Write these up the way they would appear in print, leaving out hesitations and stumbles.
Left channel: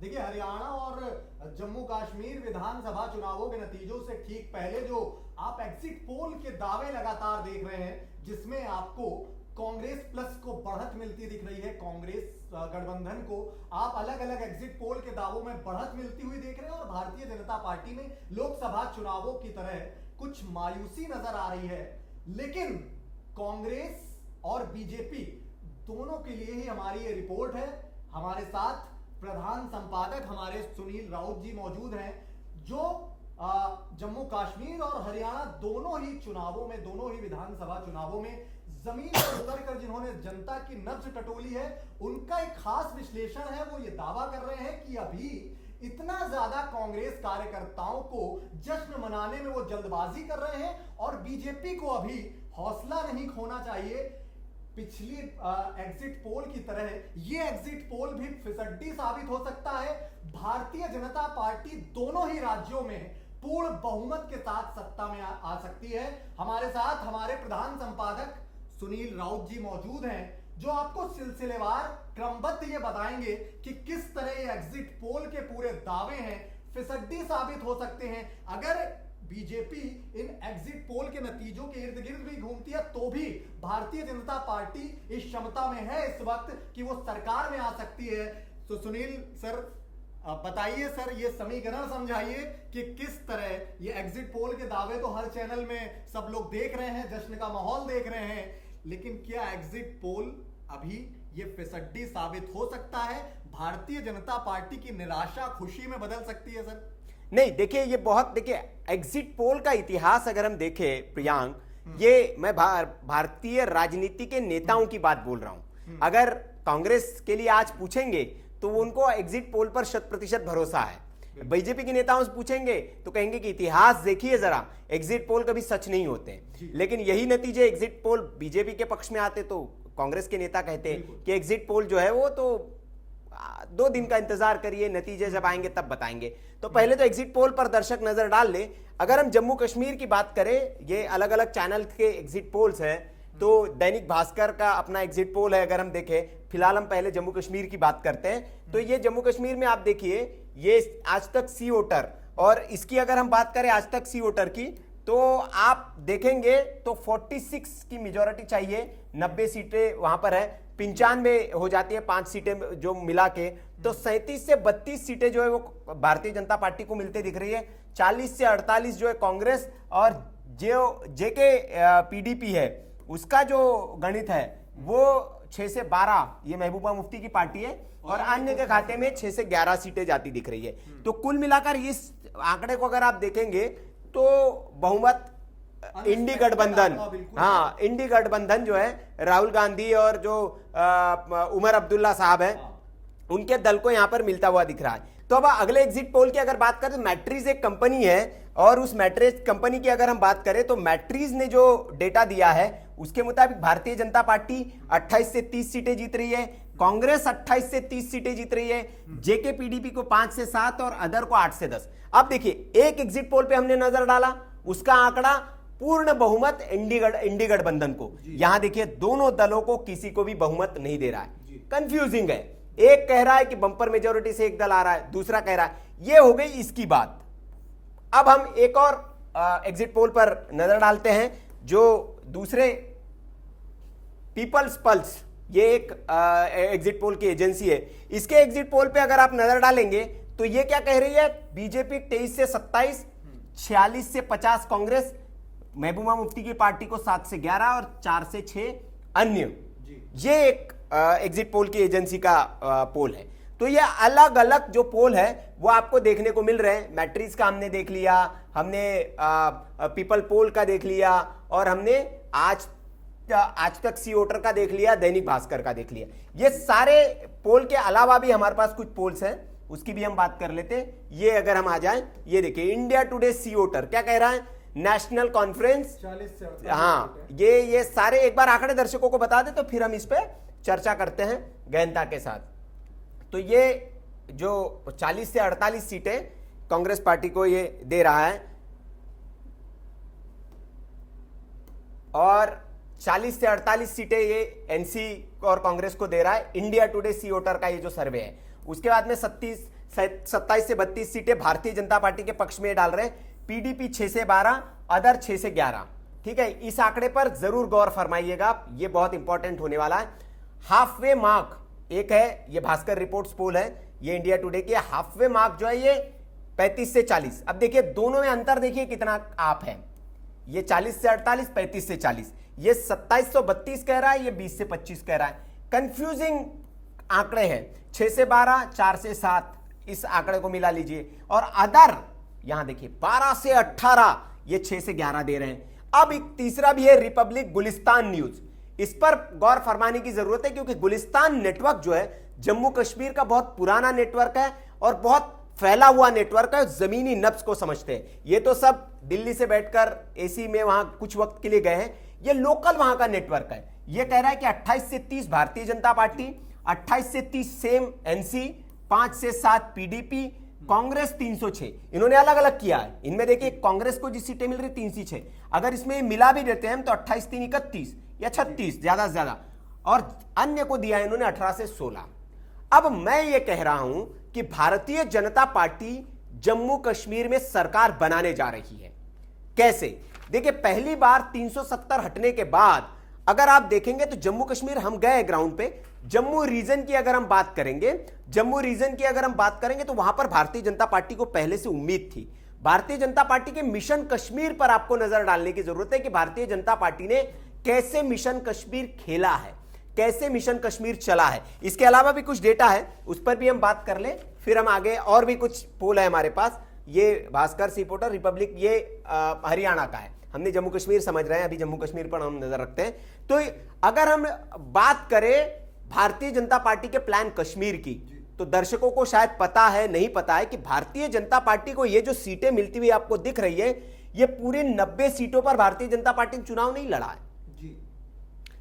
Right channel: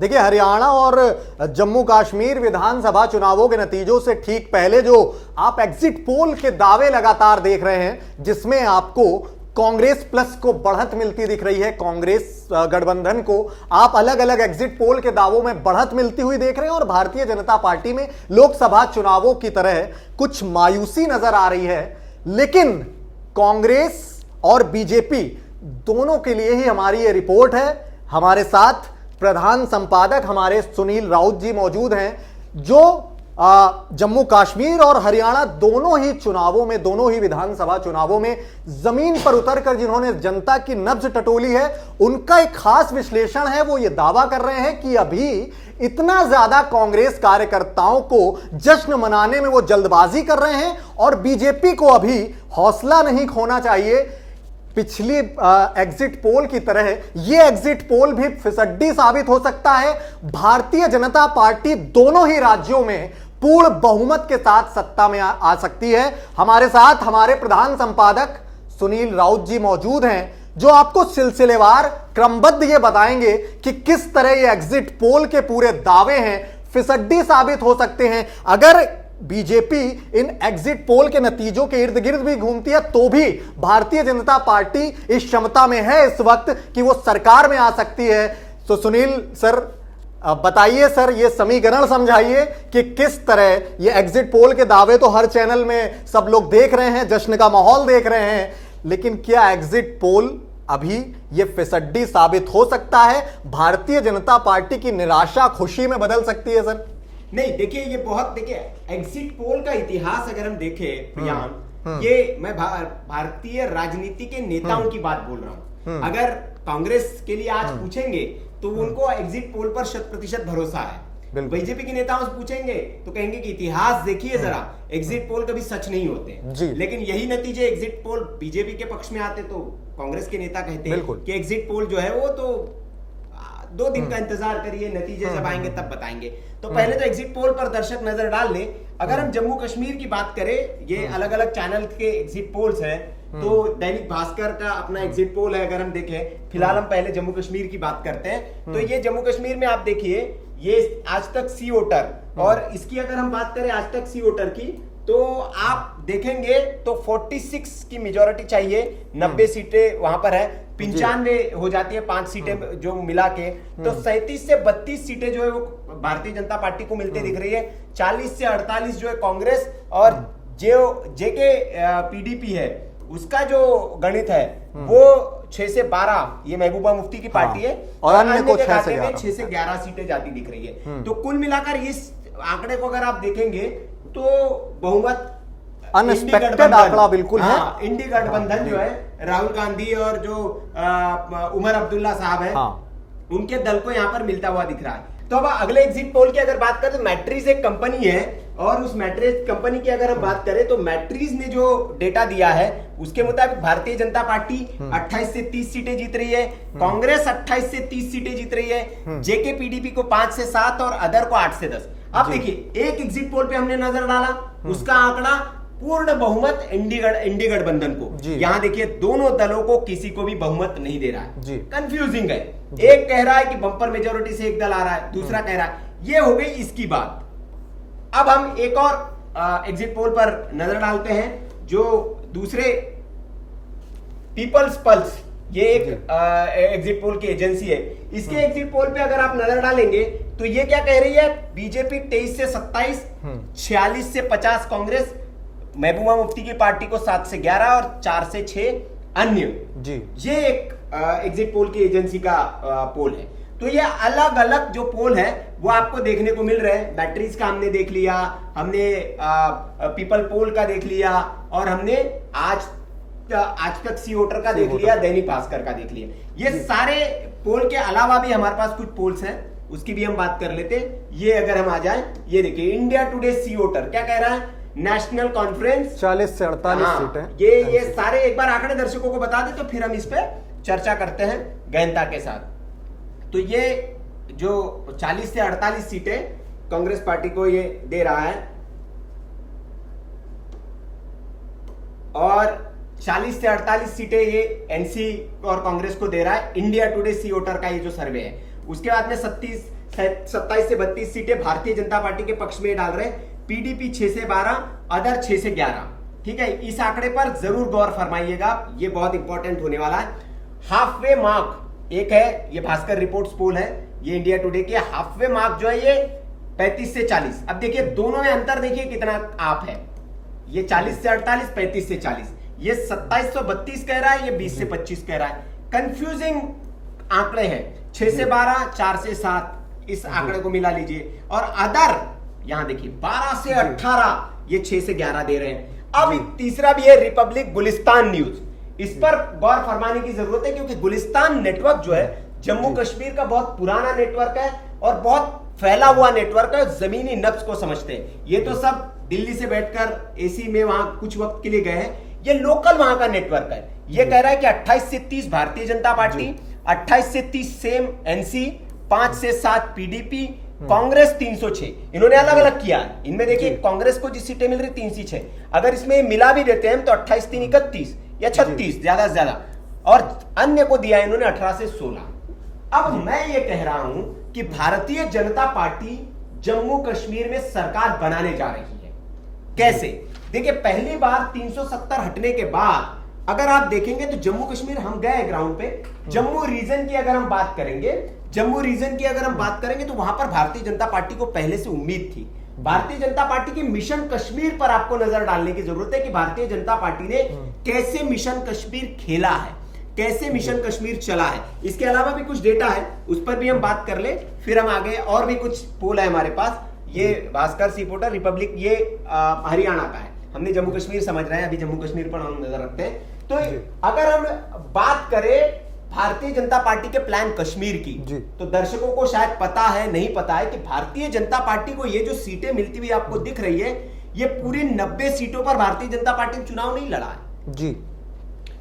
देखिए, हरियाणा और जम्मू कश्मीर विधानसभा चुनावों के नतीजों से ठीक पहले जो आप एग्जिट पोल के दावे लगातार देख रहे हैं, जिसमें आपको कांग्रेस प्लस को बढ़त मिलती दिख रही है, कांग्रेस गठबंधन को आप अलग अलग एग्जिट पोल के दावों में बढ़त मिलती हुई देख रहे हैं, और भारतीय जनता पार्टी में लोकसभा चुनावों की तरह कुछ मायूसी नजर आ रही है। लेकिन कांग्रेस और बीजेपी दोनों के लिए ही हमारी ये रिपोर्ट है। हमारे साथ प्रधान संपादक हमारे सुनील राउत जी मौजूद हैं, जो जम्मू कश्मीर और हरियाणा दोनों ही चुनावों में, दोनों ही विधानसभा चुनावों में जमीन पर उतरकर जिन्होंने जनता की नब्ज टटोली है, उनका एक खास विश्लेषण है। वो ये दावा कर रहे हैं कि अभी इतना ज्यादा कांग्रेस कार्यकर्ताओं को जश्न मनाने में वो जल्दबाजी कर रहे हैं, और बीजेपी को अभी हौसला नहीं खोना चाहिए। पिछली एग्जिट पोल की तरह यह एग्जिट पोल भी फिसड्डी साबित हो सकता है। भारतीय जनता पार्टी दोनों ही राज्यों में पूर्ण बहुमत के साथ सत्ता में आ सकती है। हमारे साथ हमारे प्रधान संपादक सुनील राउत जी मौजूद हैं, जो आपको सिलसिलेवार क्रमबद्ध ये बताएंगे कि किस तरह ये एग्जिट पोल के पूरे दावे हैं फिसड्डी साबित हो सकते हैं। अगर बीजेपी इन एग्जिट पोल के नतीजों के इर्द गिर्द भी घूमती है, तो भी भारतीय जनता पार्टी इस क्षमता में है इस वक्त कि वो सरकार में आ सकती है। तो सुनील सर बताइए, सर ये समीकरण समझाइए कि किस तरह ये एग्जिट पोल के दावे तो हर चैनल में सब लोग देख रहे हैं, जश्न का माहौल देख रहे हैं, लेकिन क्या एग्जिट पोल अभी ये फिसड्डी साबित हो सकता है? भारतीय जनता पार्टी की निराशा खुशी में बदल सकती है सर? नहीं, देखिए ये बहुत, देखिए एग्जिट पोल का इतिहास अगर हम देखें प्रियांक, ये मैं भारतीय राजनीति के नेताओं की बात बोल रहा हूं। अगर कांग्रेस के लिए आज पूछेंगे तो उनको एग्जिट पोल पर 100% भरोसा है। बीजेपी के नेताओं से पूछेंगे तो कहेंगे कि इतिहास देखिए जरा, एग्जिट पोल कभी सच नहीं होते। लेकिन यही नतीजे एग्जिट पोल बीजेपी के पक्ष में आते तो कांग्रेस के नेता कहते हैं कि एग्जिट पोल जो है वो तो 2 दिन का इंतजार करिए, नतीजे जब आएंगे तब बताएंगे। तो पहले तो एग्जिट पोल पर दर्शक नजर डाल लें। अगर हम जम्मू कश्मीर की बात करें, ये अलग अलग चैनल के एग्जिट पोल्स हैं, तो दैनिक भास्कर का अपना एग्जिट पोल है। अगर हम देखें, फिलहाल हम पहले जम्मू कश्मीर की बात करते हैं, तो ये जम्मू कश्मीर में आप देखिए, ये आज तक सी वोटर, और इसकी अगर हम बात करें आज तक सी वोटर की, तो आप देखेंगे तो 46 की मेजोरिटी चाहिए, 90 सीटें वहां पर है, 95 हो जाती है 5 सीटें जो मिला के, तो 37 से 32 सीटें जो है वो भारतीय जनता पार्टी को मिलती दिख रही है। 40 से 48 जो है कांग्रेस, और जो जेके पीडीपी है उसका जो गणित है वो 6 से 12 ये महबूबा मुफ्ती की पार्टी है, और अन्य के खाते में 6 से 11 सीटें जाती दिख रही है। तो कुल मिलाकर इस आंकड़े को अगर आप देखेंगे तो बहुमत अनएक्सपेक्टेड आंकड़ा बिल्कुल है। इंडी गठबंधन जो है, राहुल गांधी और जो उमर अब्दुल्ला साहब है, उनके दल को यहां पर मिलता हुआ दिख रहा है। तो अब अगले एग्जिट पोल की अगर बात करें तो मैट्रिज एक कंपनी है, और उस मैट्रिज कंपनी की अगर हम बात करें तो मैट्रिज ने जो डेटा दिया है उसके मुताबिक भारतीय जनता पार्टी 28 से 30 सीटें जीत रही है, कांग्रेस 28 से 30 सीटें जीत रही है, जेके पीडीपी को 5 से 7 और अदर को 8 से 10। अब देखिए, एक एग्जिट पोल पे हमने नजर डाला, उसका आंकड़ा पूर्ण बहुमत इंडी गठबंधन को। यहां देखिए, दोनों दलों को किसी को भी बहुमत नहीं दे रहा है, कंफ्यूजिंग है। एक कह रहा है कि बंपर मेजोरिटी से एक दल आ रहा है, दूसरा कह रहा है, ये हो गई इसकी बात। अब हम एक और एग्जिट पोल पर नजर डालते हैं, जो दूसरे पीपल्स पल्स, ये एक एग्जिट पोल की एजेंसी है, इसके एग्जिट पोल पे अगर आप नजर डालेंगे तो ये क्या कह रही है, बीजेपी 23 से 27, 46 से 50 कांग्रेस, महबूबा मुफ्ती की पार्टी को 7 से 11 और 4 से 6 अन्य। ये एक एग्जिट पोल की एजेंसी का पोल है। तो ये अलग अलग जो पोल है वो आपको देखने को मिल रहे हैं। मैट्रिक्स का हमने देख लिया, हमने पीपल पोल का देख लिया, और हमने आज तक सी वोटर का देख लिया, दैनिक भास्कर का देख लिया। ये सारे पोल के अलावा भी हमारे पास कुछ पोल्स हैं, उसकी भी हम बात कर लेते हैं। ये अगर हम आ जाएं, ये देखिए, इंडिया टुडे सी वोटर क्या कह रहा है, नेशनल कॉन्फ्रेंस 40 से 48 सीटें। ये सारे एक बार आंकड़े दर्शकों को बता दे, तो फिर हम इस पे चर्चा करते हैं गहनता के साथ। तो ये जो 40 से 48 सीटें कांग्रेस पार्टी को ये दे रहा है, और 40 से 48 सीटें ये एनसी और कांग्रेस को दे रहा है, इंडिया टुडे सी वोटर का ये जो सर्वे है। उसके बाद में 27 से 32 सीटें भारतीय जनता पार्टी के पक्ष में डाल रहे हैं, पीडीपी 6 से 12, अदर 6 से 11। ठीक है, इस आंकड़े पर जरूर गौर फरमाइएगा, ये बहुत इंपॉर्टेंट होने वाला है। हाफ वे मार्क एक है, ये भास्कर रिपोर्ट्स पोल है, ये इंडिया टुडे के हाफ वे मार्क जो है ये 35 से 40। अब देखिए दोनों में अंतर देखिए कितना आप है, ये 40 से 48, 35 से 40, ये 2732 कह रहा है, ये 20 से 25 कह रहा है। कंफ्यूजिंग आंकड़े हैं, 6 से 12, 4 से 7, इस आंकड़े को मिला लीजिए। और अदर यहां देखिए 12 से 18, ये 6 से 11 दे रहे हैं। अब तीसरा भी है रिपब्लिक गुलिस्तान न्यूज, इस पर गौर फरमाने की जरूरत है, क्योंकि गुलिस्तान नेटवर्क जो है जम्मू कश्मीर का बहुत पुराना नेटवर्क है और बहुत फैला हुआ नेटवर्क है, जमीनी नब्ज को समझते हैं। ये तो सब दिल्ली से बैठकर एसी में वहां कुछ वक्त के लिए गए हैं, ये लोकल वहां का नेटवर्क है। ये कह रहा है कि 28 से 30 भारतीय जनता पार्टी, 28 से 30 सेम एनसी, 5 से 7 पीडीपी, कांग्रेस 306। इन्होंने अलग अलग किया है, इनमें देखिए कांग्रेस को जिस सीटें मिल रही 3 से 6, अगर इसमें मिला भी देते हैं तो 28 3 31 या 36 ज्यादा से ज्यादा, और अन्य को दिया इन्होंने 18 से 16। अब मैं ये कह रहा हूं कि भारतीय जनता पार्टी जम्मू कश्मीर में सरकार बनाने जा रही है। कैसे? देखिए पहली बार 370 हटने के बाद अगर आप देखेंगे तो जम्मू कश्मीर, हम गए ग्राउंड पे, जम्मू रीजन की अगर हम बात करेंगे, जम्मू रीजन की अगर हम बात करेंगे तो वहां पर भारतीय जनता पार्टी को पहले से उम्मीद थी। भारतीय जनता पार्टी के मिशन कश्मीर पर आपको नजर डालने की जरूरत है कि भारतीय जनता पार्टी ने कैसे मिशन कश्मीर खेला है, कैसे मिशन कश्मीर चला है। इसके अलावा भी कुछ डेटा है, उस पर भी हम बात कर ले, फिर हम आगे। और भी कुछ पोल है हमारे पास, ये भास्कर रिपोर्टर रिपब्लिक, ये हरियाणा का है, हमने जम्मू कश्मीर समझ रहे हैं, अभी जम्मू कश्मीर पर हम नजर रखते हैं। तो अगर हम बात करें भारतीय जनता पार्टी के प्लान कश्मीर की, तो दर्शकों को शायद पता है, नहीं पता है कि भारतीय जनता पार्टी को ये जो सीटें मिलती हुई आपको दिख रही है, ये पूरे 90 सीटों पर भारतीय जनता पार्टी ने चुनाव नहीं लड़ा है जी।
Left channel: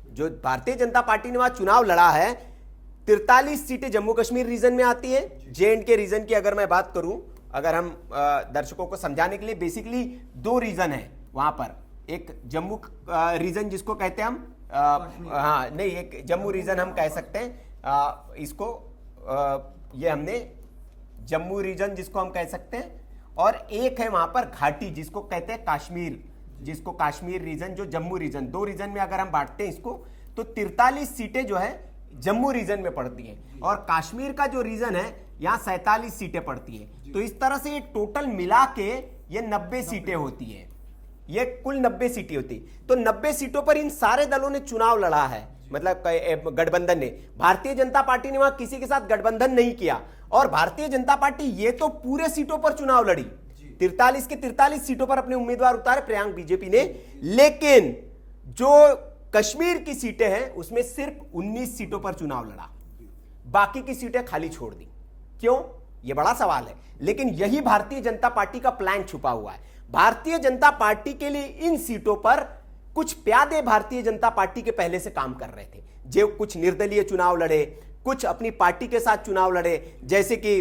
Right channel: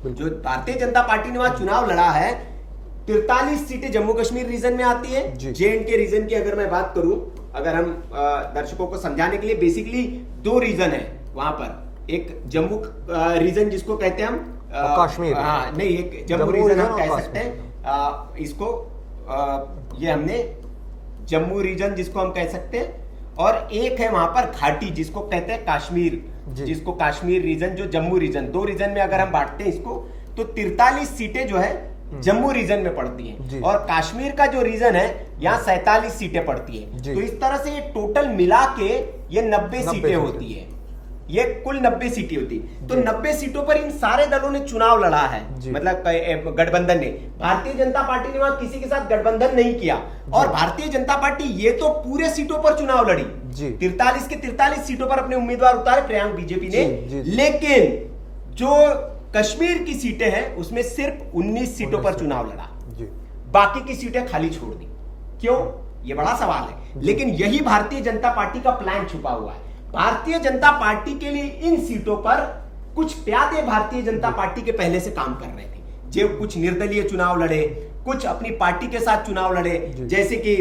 जो भारतीय जनता पार्टी ने वहां चुनाव लड़ा है, 43 सीटें जम्मू कश्मीर रीजन में आती है। J&K रीजन की अगर मैं बात करूं, अगर हम दर्शकों को समझाने के लिए, बेसिकली 2 रीजन है वहां पर, एक जम्मू रीजन जिसको कहते हैं हम कश्मीर, हाँ नहीं, एक जम्मू रीजन हम कह सकते हैं इसको, ये हमने जम्मू रीजन जिसको हम कह सकते हैं, और एक है वहां पर घाटी जिसको कहते हैं कश्मीर, जिसको कश्मीर रीजन, जो जम्मू रीजन। 2 रीजन में अगर हम बांटते हैं इसको, तो 43 सीटें जो है जम्मू रीजन में पड़ती हैं, और कश्मीर का जो रीजन है यहाँ 47 सीटें पड़ती हैं। तो इस तरह से ये टोटल मिला के ये 90 सीटें होती है, ये कुल 90 सीटें होती। तो 90 सीटों पर इन सारे दलों ने चुनाव लड़ा है, मतलब गठबंधन ने। भारतीय जनता पार्टी ने वहां किसी के साथ गठबंधन नहीं किया, और भारतीय जनता पार्टी ये तो पूरे सीटों पर चुनाव लड़ी, 43 के 43 सीटों पर अपने उम्मीदवार उतारे प्रियांक बीजेपी ने। लेकिन जो कश्मीर की सीटें हैं उसमें सिर्फ 19 सीटों पर चुनाव लड़ा, बाकी की सीटें खाली छोड़ दी। क्यों? ये बड़ा सवाल है, लेकिन यही भारतीय जनता पार्टी का प्लान छुपा हुआ है। भारतीय जनता पार्टी के लिए इन सीटों पर कुछ प्यादे भारतीय जनता पार्टी के पहले से काम कर रहे थे, जो कुछ निर्दलीय चुनाव लड़े, कुछ अपनी पार्टी के साथ चुनाव लड़े, जैसे कि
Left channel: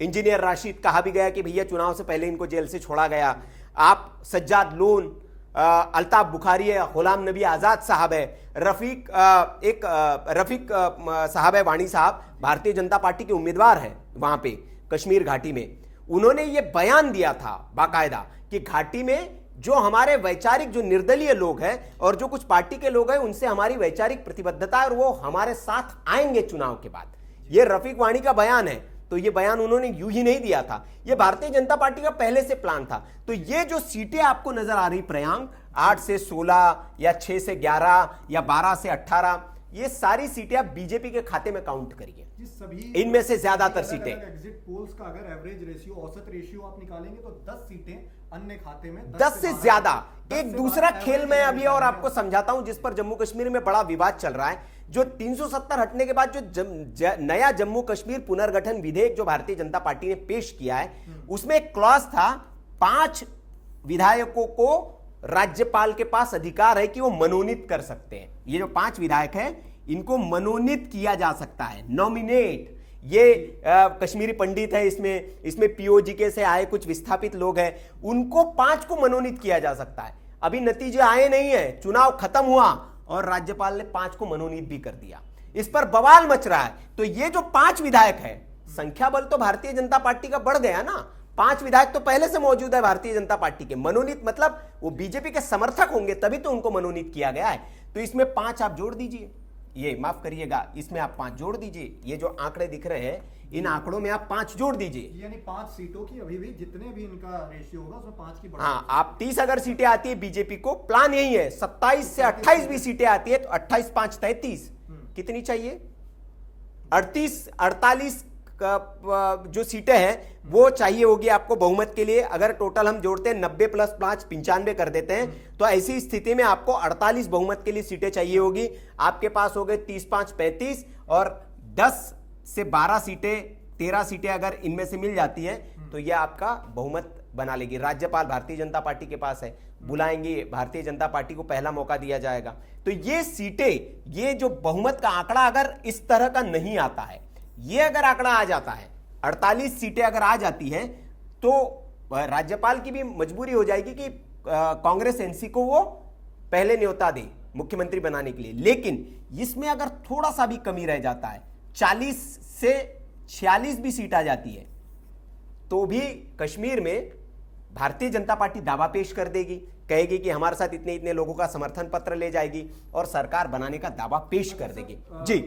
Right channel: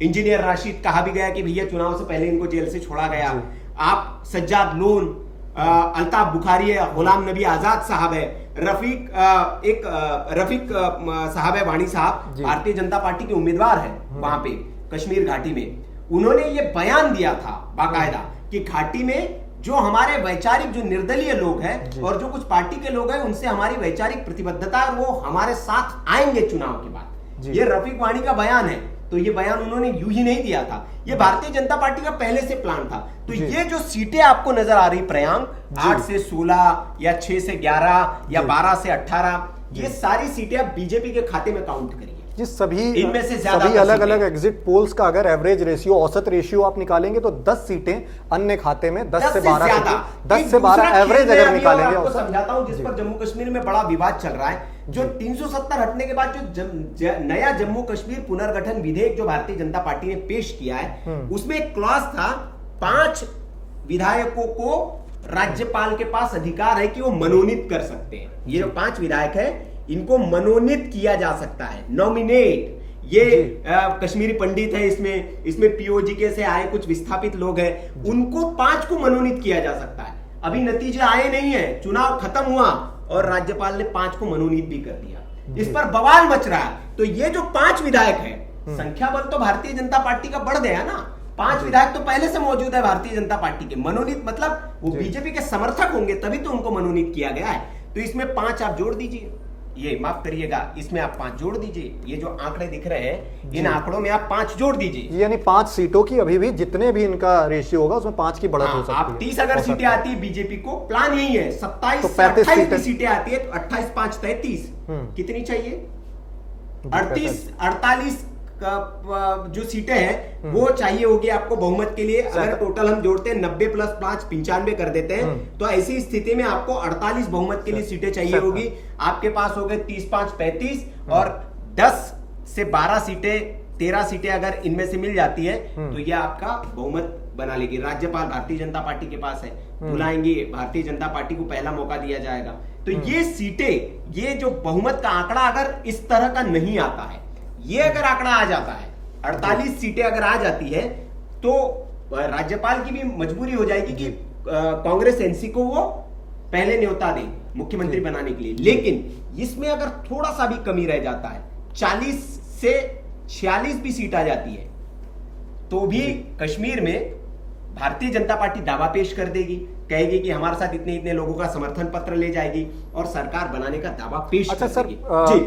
इंजीनियर राशिद, कहा भी गया कि भैया चुनाव से पहले इनको जेल से छोड़ा गया। आप सज्जाद लोन, अल्ताफ बुखारी, गुलाम नबी आजाद साहब है, रफीक साहब है, वाणी साहब, भारतीय जनता पार्टी के उम्मीदवार है वहां पे कश्मीर घाटी में। उन्होंने ये बयान दिया था बाकायदा कि घाटी में जो हमारे वैचारिक, जो निर्दलीय लोग हैं और जो कुछ पार्टी के लोग हैं, उनसे हमारी वैचारिक प्रतिबद्धता है और वो हमारे साथ आएंगे चुनाव के बाद। ये रफीक वाणी का बयान है। तो ये बयान उन्होंने यूं ही नहीं दिया था, ये भारतीय जनता पार्टी का पहले से प्लान था। तो ये जो सीटें आपको नजर आ रही प्रियांक, 8 से 16 या 6 से 11 या 12 से 18, ये सारी सीटें आप बीजेपी के खाते में काउंट करिए। जी, सभी इनमें से ज्यादा अलग अलग एग्जिट पोल्स का अगर एवरेज रेशियो, औसत रेशियो आप निकालेंगे तो 10 सीटें अन्य खाते में, 10 से 12 एवरेज अगर निकालेंगे। आपको समझाता हूं जिस पर जम्मू कश्मीर में बड़ा विवाद चल रहा है। जो 370 हटने के बाद जो नया जम्मू कश्मीर पुनर्गठन विधेयक जो भारतीय जनता पार्टी ने पेश किया है, उसमें एक क्लॉज था, 5 विधायकों को राज्यपाल के पास अधिकार है कि वो मनोनीत कर सकते हैं। ये जो 5 विधायक है, इनको मनोनीत किया जा सकता है, नॉमिनेट। ये कश्मीरी पंडित है, इसमें पीओजीके से आए कुछ विस्थापित लोग हैं, उनको 5 को मनोनीत किया जा सकता है। अभी नतीजे आए नहीं है, चुनाव खत्म हुआ और राज्यपाल ने 5 को मनोनीत भी कर दिया। इस पर बवाल मच रहा है। तो ये जो 5 विधायक है, संख्या बल तो भारतीय जनता पार्टी का बढ़ गया ना। 5 विधायक तो पहले से मौजूद है भारतीय जनता पार्टी के, मनोनीत मतलब वो बीजेपी के समर्थक होंगे तभी तो उनको मनोनीत किया गया है। तो इसमें 5 आप जोड़ दीजिए, ये माफ करिएगा, इसमें आप 5 जोड़ दीजिए। ये जो आंकड़े दिख रहे हैं इन आंकड़ों में आप 5 जोड़ दीजिए, यानी 5 सीटों की अभी भी जितने भी इनका रेशियो होगा उसमें 5 की बढ़त हो सकती है। आप 30 अगर सीटें आती है बीजेपी को, प्लान यही है 27 तो से 28 भी 35 सीटें आती है तो 28 5 33 कितनी चाहिए? 48 जो सीटें हैं वो चाहिए होगी आपको बहुमत के लिए। अगर टोटल हम जोड़ते हैं 90 प्लस 5 95 कर देते हैं तो ऐसी स्थिति में आपको 48 बहुमत के लिए सीटें चाहिए होगी। आपके पास हो गए 30 5 35 और 10 से 12 सीटें 13 सीटें अगर इनमें से मिल जाती है तो यह आपका बहुमत बना लेगी। राज्यपाल भारतीय जनता पार्टी के पास है, बुलाएंगे भारतीय जनता पार्टी को पहला मौका दिया जाएगा। तो ये सीटें, ये जो बहुमत का आंकड़ा अगर इस तरह का नहीं आता है, ये अगर आंकड़ा आ जाता है 48 सीटें अगर आ जाती है तो राज्यपाल की भी मजबूरी हो जाएगी कि कांग्रेस एनसी को वो पहले न्योता दे मुख्यमंत्री बनाने के लिए। लेकिन इसमें अगर थोड़ा सा भी कमी रह जाता है, 40 से 46 भी सीट आ जाती है तो भी कश्मीर में भारतीय जनता पार्टी दावा पेश कर देगी, कहेगी कि हमारे साथ इतने इतने लोगों का समर्थन पत्र ले जाएगी और सरकार बनाने का दावा पेश कर देगी। जी,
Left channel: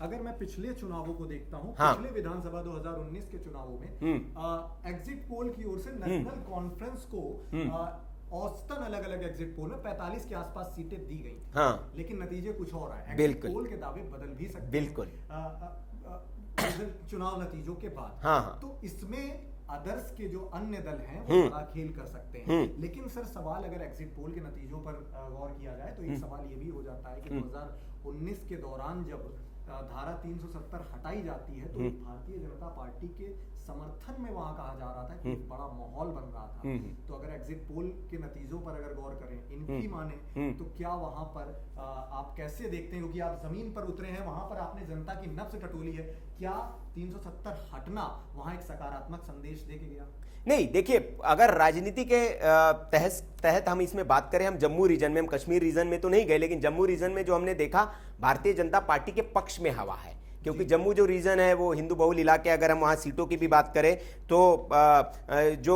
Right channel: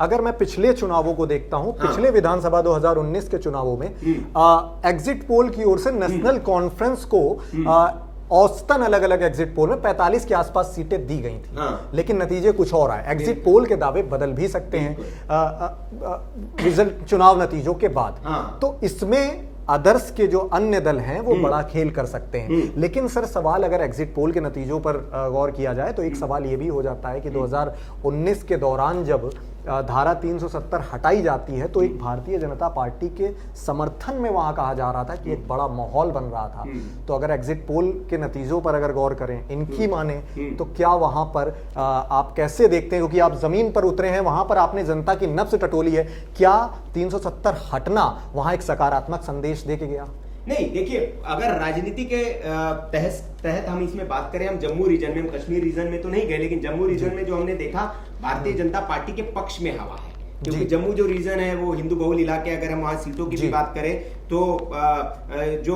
अगर मैं पिछले चुनावों को देखता हूं, पिछले विधानसभा 2019 के चुनावों में एग्जिट पोल की ओर से नेशनल कॉन्फ्रेंस को औसतन अलग अलग एग्जिट पोल में 45 के आसपास सीटें दी गई थी। लेकिन नतीजे कुछ और आए। एग्जिट पोल के दावे बदल भी सकते हैं रिजल्ट चुनाव नतीजों के बाद। तो इसमें अदर्स के जो अन्य दल हैं वो बड़ा खेल कर सकते हैं। लेकिन सर सवाल अगर एग्जिट पोल के नतीजों पर गौर किया जाए तो एक सवाल ये भी हो जाता है कि 2019 के दौरान जब धारा 370 हटाई जाती है तो एक भारतीय जनता पार्टी के समर्थन में वहां कहा जा रहा था कि एक बड़ा माहौल बन रहा था। तो अगर एग्जिट पोल के नतीजों पर अगर गौर करें, इनकी माने तो क्या वहां पर आप कैसे देखते हैं, क्योंकि आप जमीन पर उतरे हैं, वहां पर आपने जनता की नब्ज टटोली है, क्या 370 हटना वहां एक सकारात्मक संदेश दे के गया? नहीं, देखिए अगर राजनीति के तहत हम इसमें बात करें, हम जम्मू रीजन में, हम कश्मीर रीजन में तो नहीं गए, लेकिन जम्मू रीजन में जो हमने देखा भारतीय जनता पार्टी के पक्ष में हवा है, क्योंकि जम्मू जो रीजन है वो हिंदू बहुल इलाके, अगर हम वहां सीटों की भी बात करें तो जो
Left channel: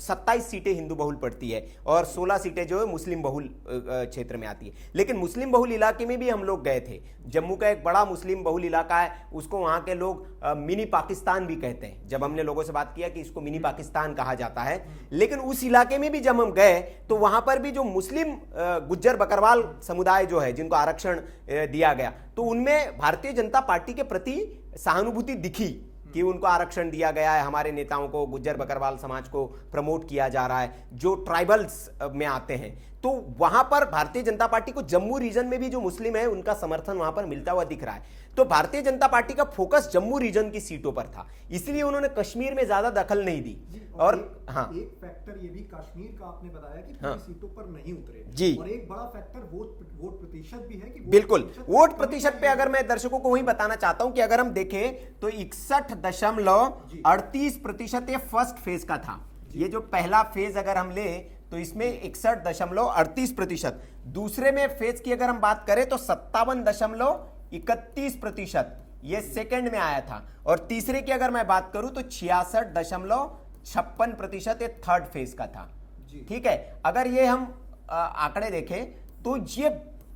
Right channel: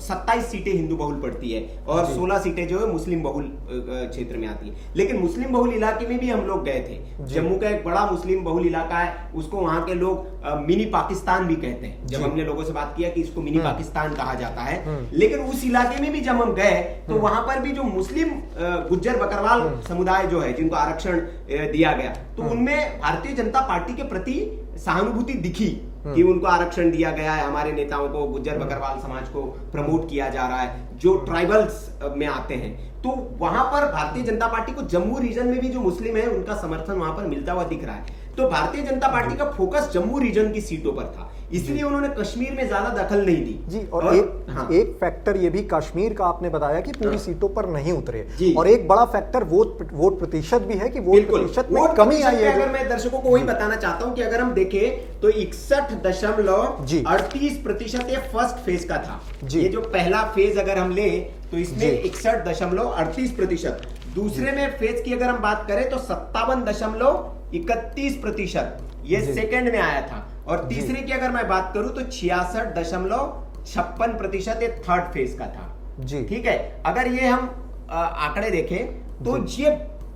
27 सीटें हिंदू बहुल पड़ती है और 16 सीटें जो है मुस्लिम बहुल क्षेत्र में आती है। लेकिन मुस्लिम बहुल इलाके में भी हम लोग गए थे। जम्मू का एक बड़ा मुस्लिम बहुल इलाका है, उसको वहां के लोग मिनी पाकिस्तान भी कहते हैं। जब हमने लोगों से बात किया कि इसको मिनी पाकिस्तान कहा जाता है, लेकिन उस इलाके में भी जब हम गए तो वहां पर भी जो मुस्लिम गुज्जर बकरवाल समुदाय जो है जिनको आरक्षण दिया गया, तो उनमें भारतीय जनता पार्टी के प्रति सहानुभूति दिखी कि उनको आरक्षण दिया गया है, हमारे नेताओं को, गुज्जर बकरवाल समाज को प्रमोट किया जा रहा है जो ट्राइबल्स में आते हैं। तो वहां पर भारतीय जनता पार्टी को जम्मू रीजन में भी जो मुस्लिम है उनका समर्थन वहां पर मिलता हुआ दिख रहा है। तो भारतीय जनता पार्टी का फोकस जम्मू रीजन की सीटों पर था, इसलिए उन्होंने कश्मीर में ज्यादा दखल नहीं दी। जी, और एक फैक्टर ये भी कश्मीर का आपने बताया कि पूरी सीटों पर नहीं उतरे, और एक बड़ा फैक्टर वोट प्रतिशत भी है कि वोट प्रतिशत में कमी आई है। अगर मैं दर्शकों को वही बताना चाहता हूं कि अगर हम देखें तो 61.38% ये फर्स्ट फेज का था। ये जो पहला फेज अगर हम ले तो इसमें 61.38%, दूसरे में फेज की अगर हम बात करें तो 57.31% ये सेकंड में आया था, और तीसरे की अगर मैं बात करूं तो 66.56% ये थर्ड फेज का था। जी, ठीक है। अगर ये हम आंकड़े देखें तो ये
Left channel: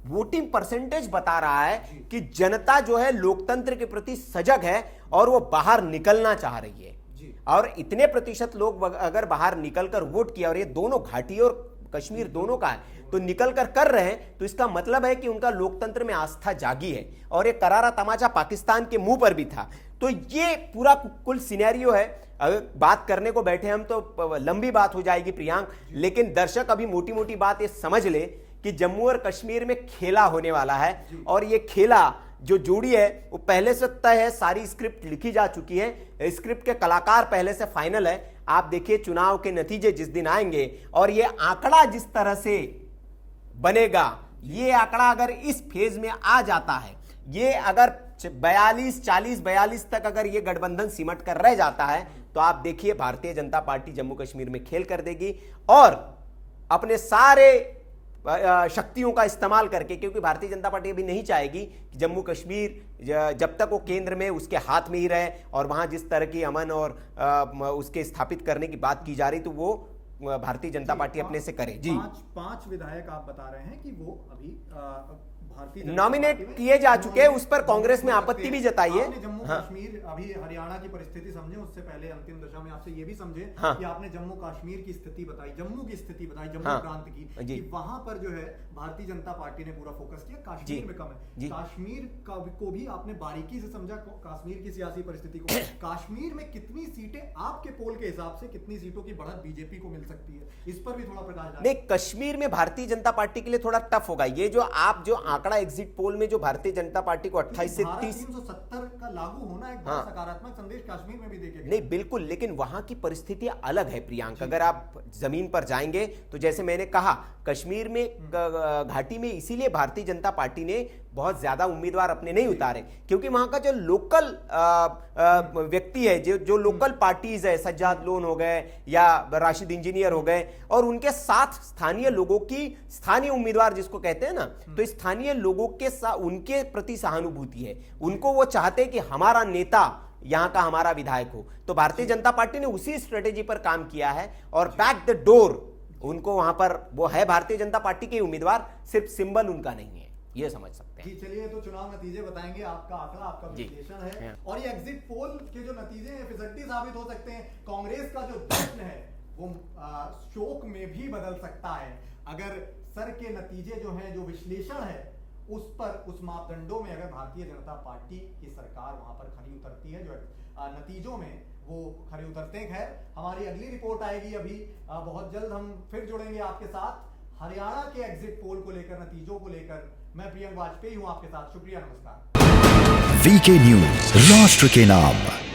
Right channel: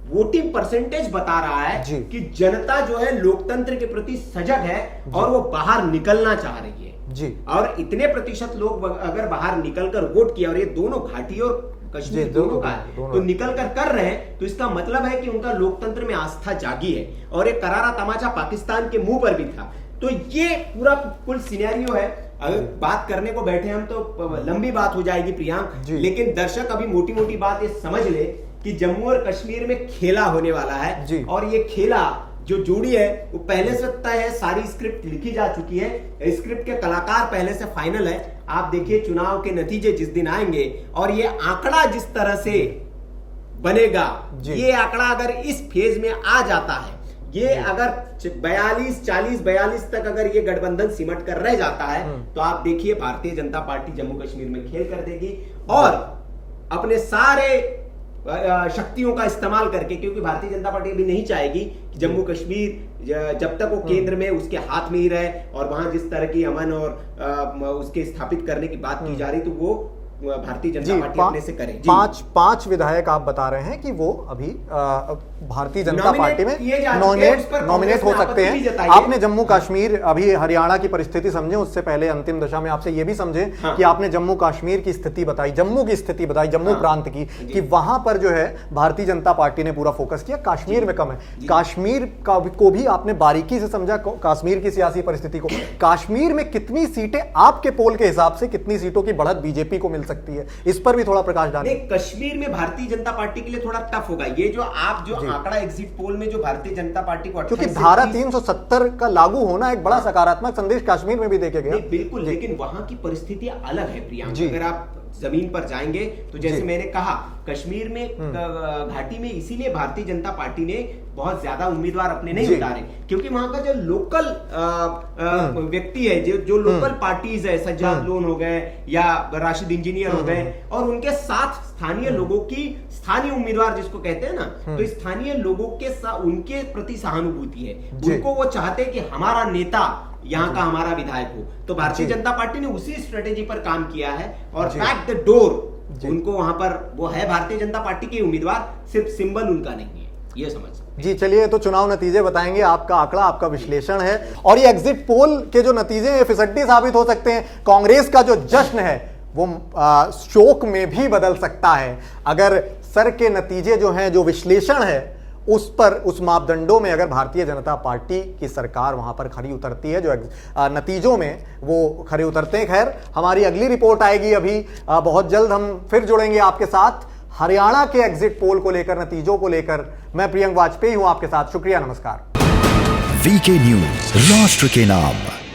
वोटिंग परसेंटेज बता रहा है कि जनता जो है लोकतंत्र के प्रति सजग है और वो बाहर निकलना चाह रही है। जी, और इतने प्रतिशत लोग अगर बाहर निकलकर वोट किया, और ये दोनों घाटी और कश्मीर दोनों का है, तो निकलकर कर रहे हैं, तो इसका मतलब है कि उनका लोकतंत्र में आस्था जागी है। और ये करारा तमाचा पाकिस्तान के मुंह पर भी था। तो ये पूरा कुल सिनेरियो है। अगर बात करने को बैठे हम तो लंबी बात हो जाएगी प्रियांक, लेकिन दर्शक अभी मोटी मोटी बात ये समझ ले कि जम्मू और कश्मीर में खेला होने वाला है, और ये खेला जो जोड़ी है वो पहले से तय है, सारी स्क्रिप्ट लिखी जा चुकी है, स्क्रिप्ट के कलाकार पहले से फाइनल है। आप देखिए चुनाव के नतीजे जिस दिन आएंगे और ये आंकड़ा जिस तरह से बनेगा, ये आंकड़ा अगर इस फेज में आ जाता है, ये अगर 40-42 तक अगर ये गठबंधन सिमट कर रह जाता है, तो आप देखिए भारतीय जनता पार्टी जम्मू कश्मीर में खेल कर देगी और अपने सारे शक्तियों का इस्तेमाल करके, क्योंकि भारतीय जनता पार्टी अभी नहीं चाहेगी कि जम्मू कश्मीर जब तक वो केंद्र में उसके हाथ में ही रहे और वहां जिस तरह की अमन और उसके स्थापित करने की बात की जा रही, तो वो भारतीय जनता पार्टी अपने से करे। पांच विधायक आप बता रहे हैं कि वो अभी भारतीय जनता पार्टी में नॉमिनेट हो सकते हैं। आपने जम्मू कश्मीर, अभी हरियाणा की परिस्थिति समझे, उससे पहले अंतिम दशा में आपसे ये भी समझे कि आपने जम्मू कश्मीर की स्थिति बताई, जम्मू की स्थिति बताई, जम्मू प्रांत की, कि वहां पर जो है भारतीय जनता पार्टी ने पूरा फोकस किया, कश्मीर में कम है। कश्मीर को भी आपने बारीकी से समझा, कश्मीर की सियासी परिस्थिति को। कश्मीर में कितनी सीटें आपके पोल के हिसाब से, कितनी सीटों की बढ़त बीजेपी को मिल सकती है, इस पर भी थोड़ा प्रकाश डालें। कश्मीर में भारतीय जनता पार्टी के लिए थोड़ा टफ होगा ये, जो आप जो आंकड़ा एग्जिट पोल में जो भारतीय जनता पार्टी को, क्योंकि धारा 370 का लागू होना एक बड़ा सकारात्मक संदेश कश्मीर में भी देखे गया। बिल्कुल, लेकिन वहां की परिस्थितियां अलग है प्रियांक। अगर आप जमीन पर जाएंगे तो जैसे मैंने कहा, कश्मीर में घाटी में इसीलिए भारतीय जनता पार्टी ने बहुत ज्यादा उम्मीदवार अपने नहीं उतारे, क्योंकि वहां का जो लोकल व्यक्ति है, जो लोकल पार्टीज है, सज्जाद लोन हो गए या राशिद इंजीनियर हो गए, और उनके साथ स्थानीय लोगों की, स्थानीय उम्मीदवार जिसको कहते हैं ना, तो स्थानीय लोगों के साथ उनके प्रति सहानुभूति है। उनको वो चाहते हैं कि हमारा नेता यहाँ का हमारा विधायक हो। तो भारतीय जनता पार्टी ने उसी स्ट्रेटेजी पर काम किया है और बैक द डोर उनको वहां पर, वो है भारतीय जनता पार्टी की उम्मीदवार, सिर्फ सिंबल उनका नहीं है, ये समझ सकते। जी चलिए, तो चुनाव नतीजे बताएंगे, आपका आंकड़ा, आपका विश्लेषण है, और ये एग्जिट पोल के जो नतीजे हैं फिसड्डी साबित हो सकते हैं। कांग्रेस का जो जश्न है वो शोक में भी बदल सकता है, अगर सर के नतीजे जो हैं, जो विश्लेषण है उस पर, उस मापदंडों में अगर भारतीय जनता पार्टी की सरकार वहां पर खरी उतरती है, जो नतीजों में वो खरे उतरते हैं। खैर, हमारी अगली रिपोर्ट आएगी अभी बहुत जल्द, हम फिर जुड़ेंगे आपके साथ हरियाणा के एग्जिट पोल को लेकर, नतीजों को लेकर। मैं प्रियंक वाजपेयी हूं आपके साथ, शुक्रिया, नमस्कार। वीके न्यूज, राष्ट्र के नाम।